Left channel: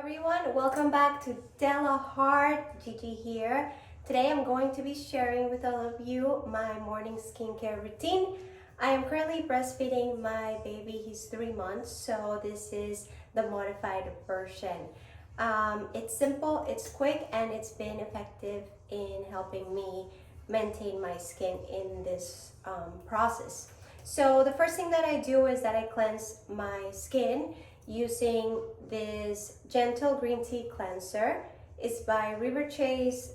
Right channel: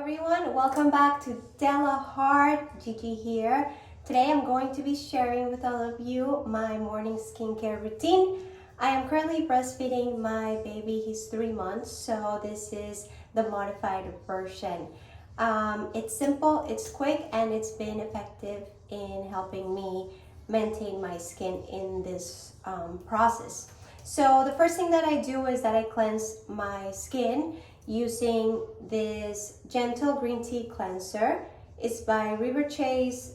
everyone, welcome back to Della Heart. Gigi here. Today I'm going to be sharing with all of you my morning skincare routine. I am currently breastfeeding my baby. He's 3 months, so this is the modified version. It's simple, it's quick, and it's been effective in helping me maintain my skin in this process. So the first thing that I do is that I cleanse my skin using this gentle green tea cleanser. It's by River Chase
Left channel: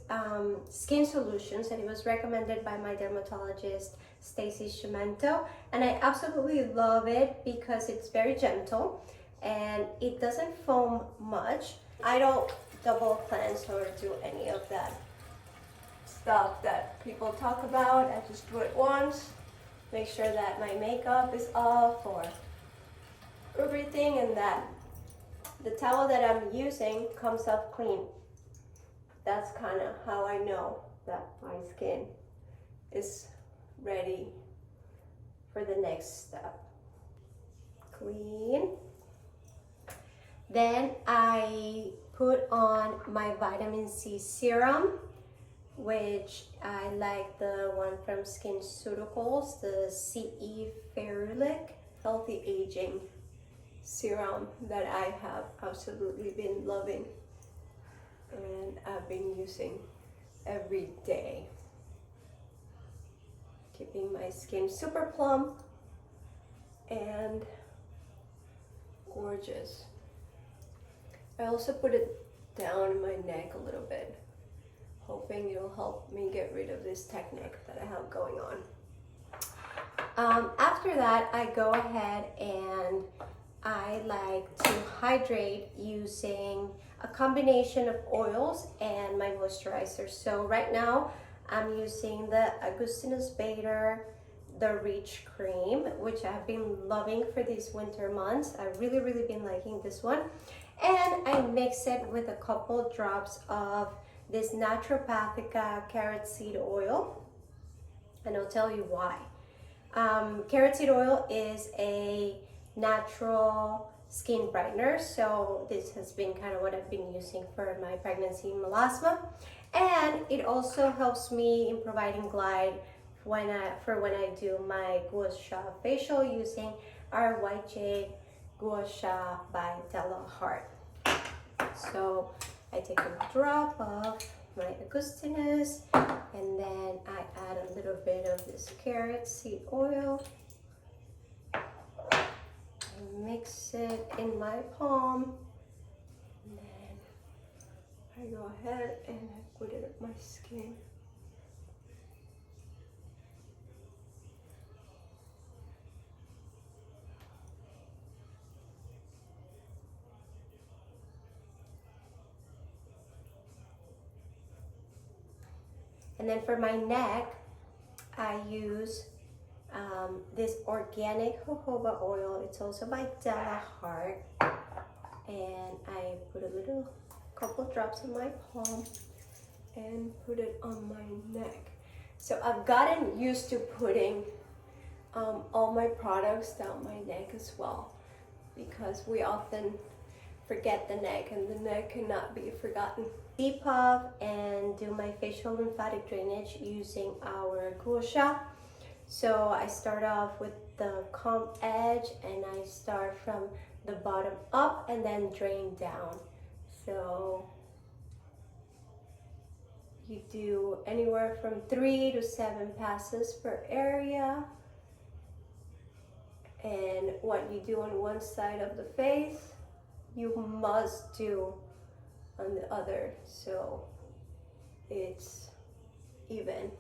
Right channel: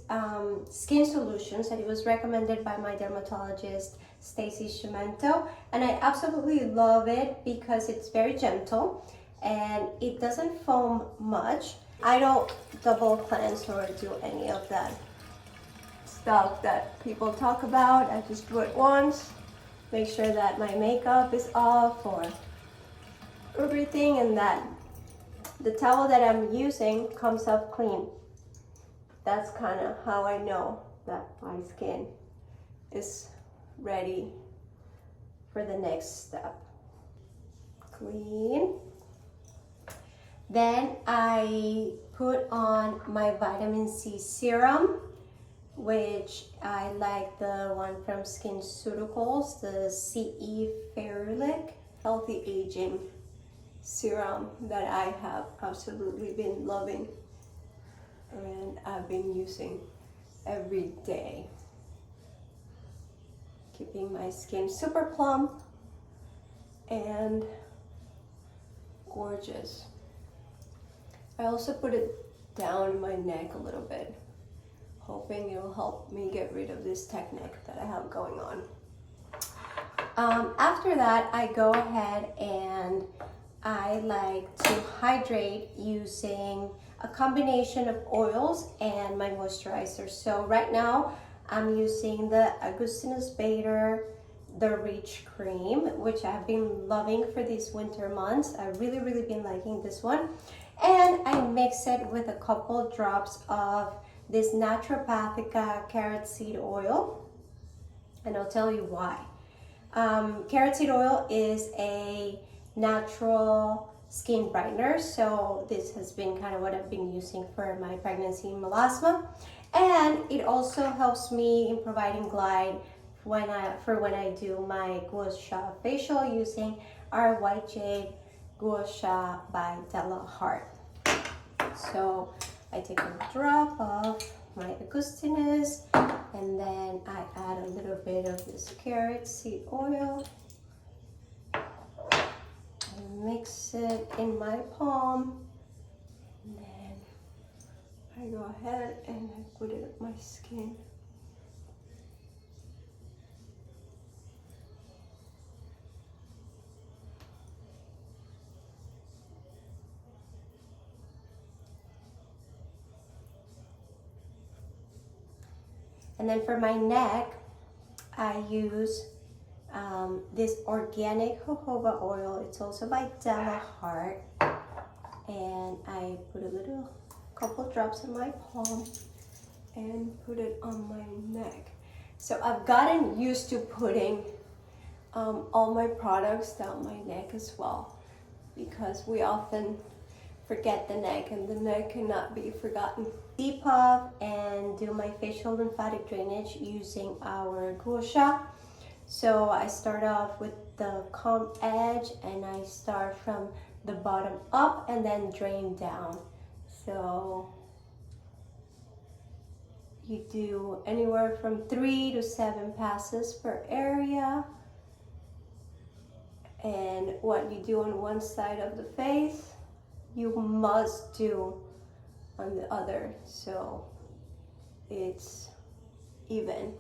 Skin Solutions, and it was recommended by my dermatologist Stacy Shimento, and I absolutely love it because it's very gentle and it doesn't foam much. I don't double cleanse or do any of that stuff that people talk about. I just do it once, make sure that my makeup is off or everything, and that the towel that I'm using comes up clean. That's kind of how I know that my skin is ready for the next step. Clean. Then I put on my vitamin C serum, which I like the one from SkinCeuticals, the CE Ferulic Healthy Aging Serum that I have absolutely been loving and I've been using every day, keeping my skin super plump and gorgeous. I also put it down my neck a little bit, hoping it'll help me get rid of this technique that I have going on. After that, I go ahead and I like to hydrate using a combination of oils and my moisturizer. So right now I'm using the Augustinus Bader The Rich Cream, which I've been loving for these winter months. I've really been liking this one. And I mix it with a couple drops of this Naturopathica carrot seed oil, and I'll tell you why. Carrot seed oil is a natural skin brightener, so this has been kind of what I've been using for my pregnancy melasma, and it also helps me in providing glide when I do my gua sha facial using our White Jade Gua Sha by Della Heart. So I take a drop of my Augustinus, and then I add a little bit of this carrot seed oil. Mix it in my palm, and then I go ahead and I put it on my skin. And then for my neck, I use this organic jojoba oil. It's also by Della Heart, and I put a couple drops in my palm and put it on my neck. So I've gotten used to putting all my products down my neck as well, because we often forget the neck, and the neck cannot be forgotten. Depuff and do my facial lymphatic drainage using our Gua Sha. So I start off with the comb edge, and I start from the bottom up and then drain down. So you do anywhere from 3 to 7 passes per area, and what you do on one side of the face you must do on the other, so it's even.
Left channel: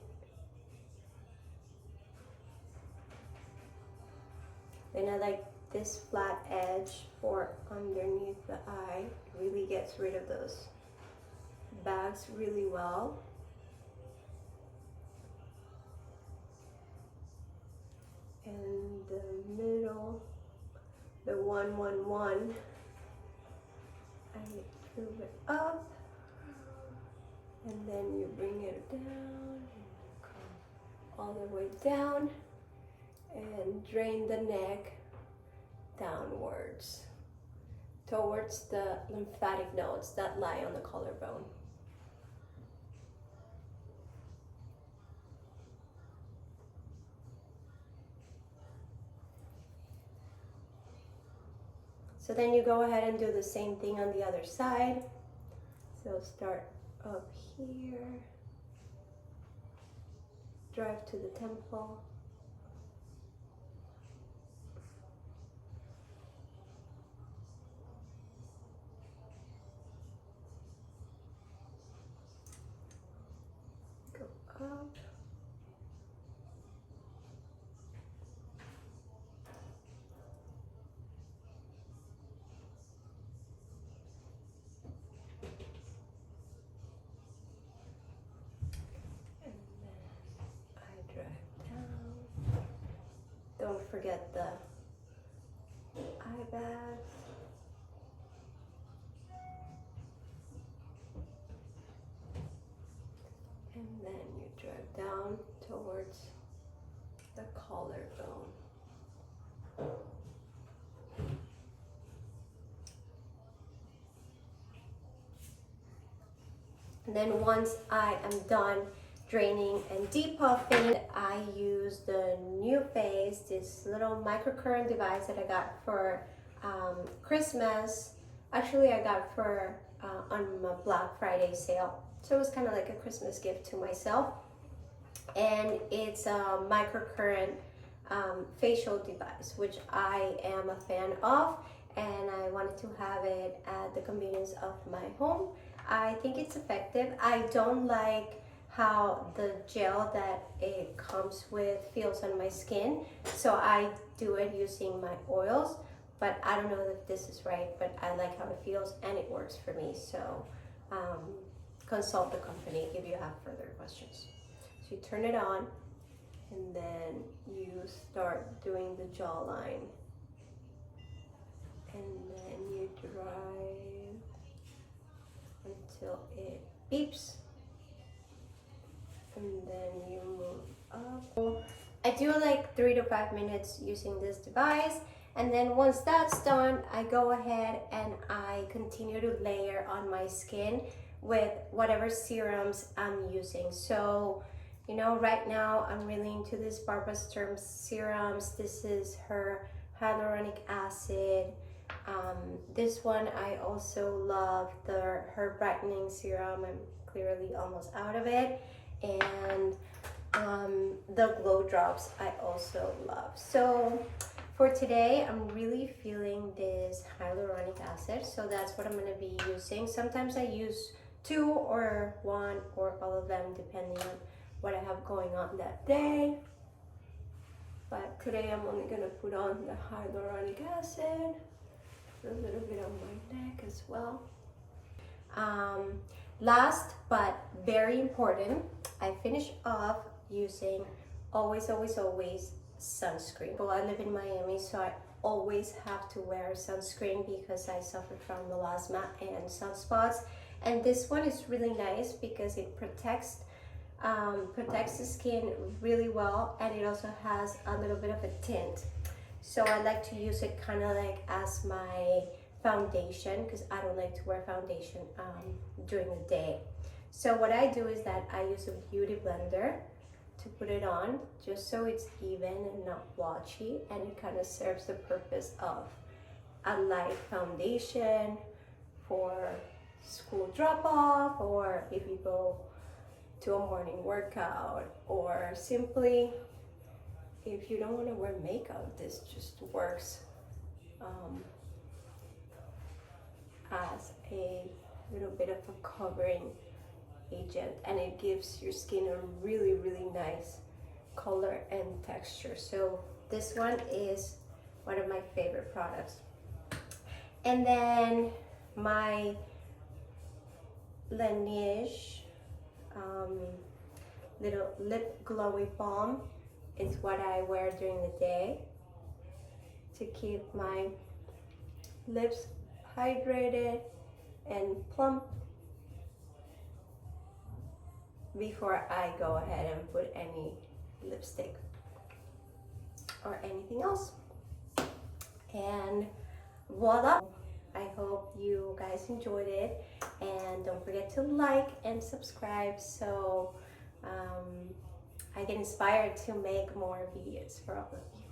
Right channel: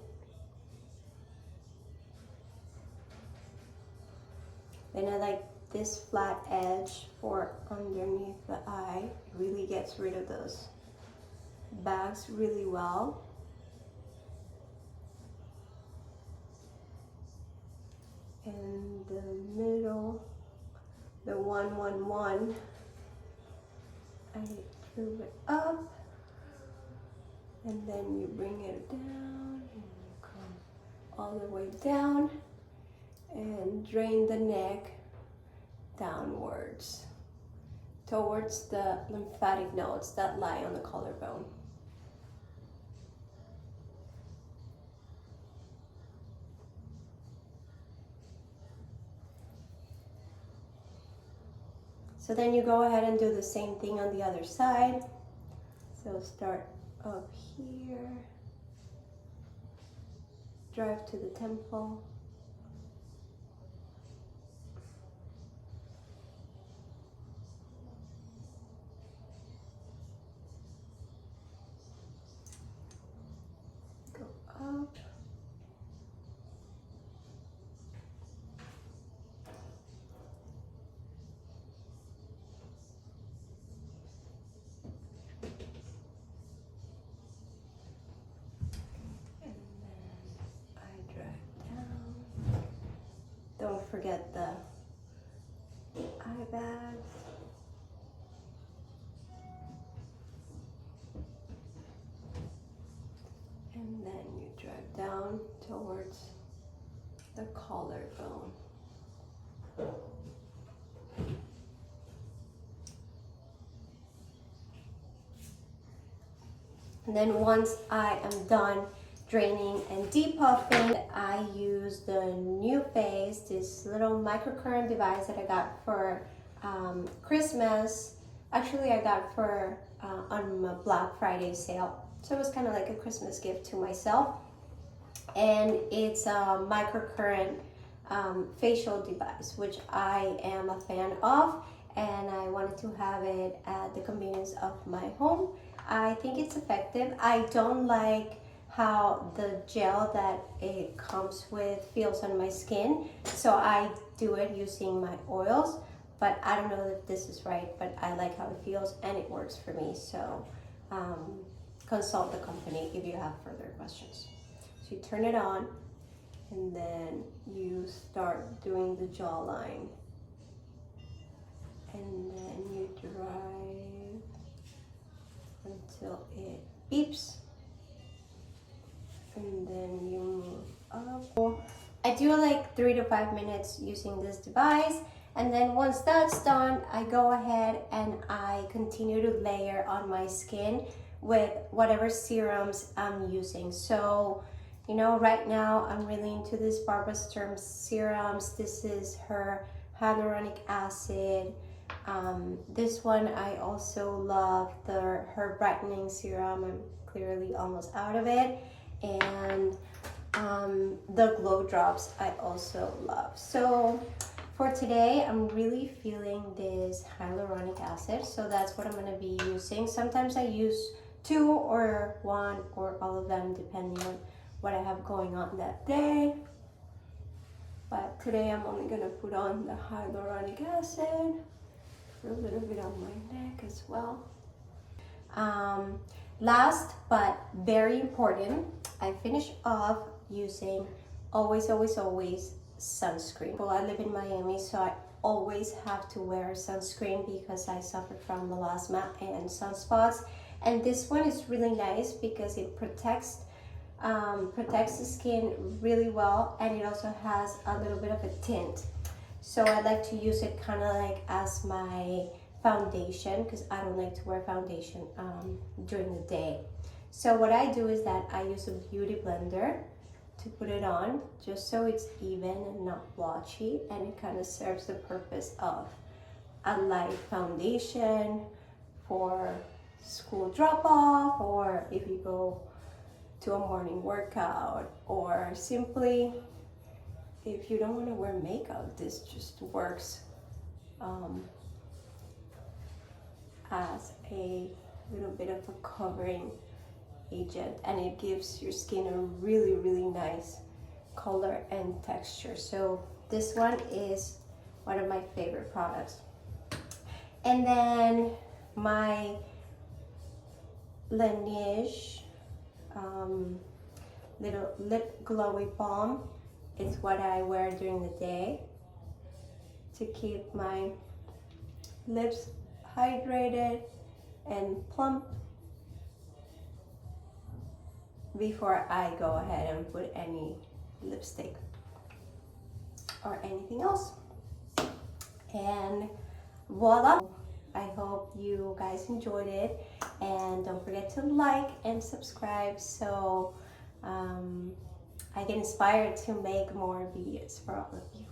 Then I like this flat edge for underneath the eye. It really gets rid of those bags really well. And the middle, the 111, I move it up, and then you bring it down, and you come all the way down and drain the neck downwards. towards the lymphatic nodes that lie on the collarbone. So then you go ahead and do the same thing on the other side. So start up here, drive to the temple. Go up. Don't forget the eye bags. And then you drag down towards the collarbone. And then once I am done draining and depuffing, I use the New Phase, this little microcurrent device that I got for Christmas. Actually, I got for on my Black Friday sale. So it was kind of like a Christmas gift to myself. And it's a microcurrent facial device, which I am a fan of, and I wanted to have it at the convenience of my home. I think it's effective. I don't like how the gel that it comes with feels on my skin, so I do it using my oils, but I don't know if this is right, but I like how it feels and it works for me. So consult the company if you have further questions. So you turn it on and then you start doing the jawline, and then you drive until it beeps, and then you move up. I do like 3 to 5 minutes using this device, and then once that's done, I go ahead and I continue to layer on my skin with whatever serums I'm using. So, you know, right now I'm really into this Barbara Sturm serums. This is her hyaluronic acid. This one I also love, her brightening serum. I'm clearly almost out of it. And the glow drops I also love. So for today, I'm really feeling this hyaluronic acid, so that's what I'm going to be using. Sometimes I use 2 or 1 or all of them depending on what I have going on that day. But today I'm only going to put on the hyaluronic acid, a little bit on my neck as well. Last but very important, I finish off using always sunscreen. Well, I live in Miami, so I always have to wear sunscreen because I suffer from melasma and sunspots. And this one is really nice because it protects the skin really well, and it also has a little bit of a tint. So I like to use it kind of like as my foundation, because I don't like to wear foundation during the day. So what I do is that I use a beauty blender to put it on, just so it's even and not blotchy, and it kind of serves the purpose of a light foundation for school drop-off, or if you go to a morning workout, or simply if you don't want to wear makeup. This just works as a little bit of a covering agent, and it gives your skin a really nice color and texture. So this one is one of my favorite products. And then my Laneige little lip glowy balm is what I wear during the day to keep my lips hydrated and plump before I go ahead and put any lipstick or anything else. And voila, I hope you guys enjoyed it, and don't forget to like and subscribe so I get inspired to make more videos for all of you.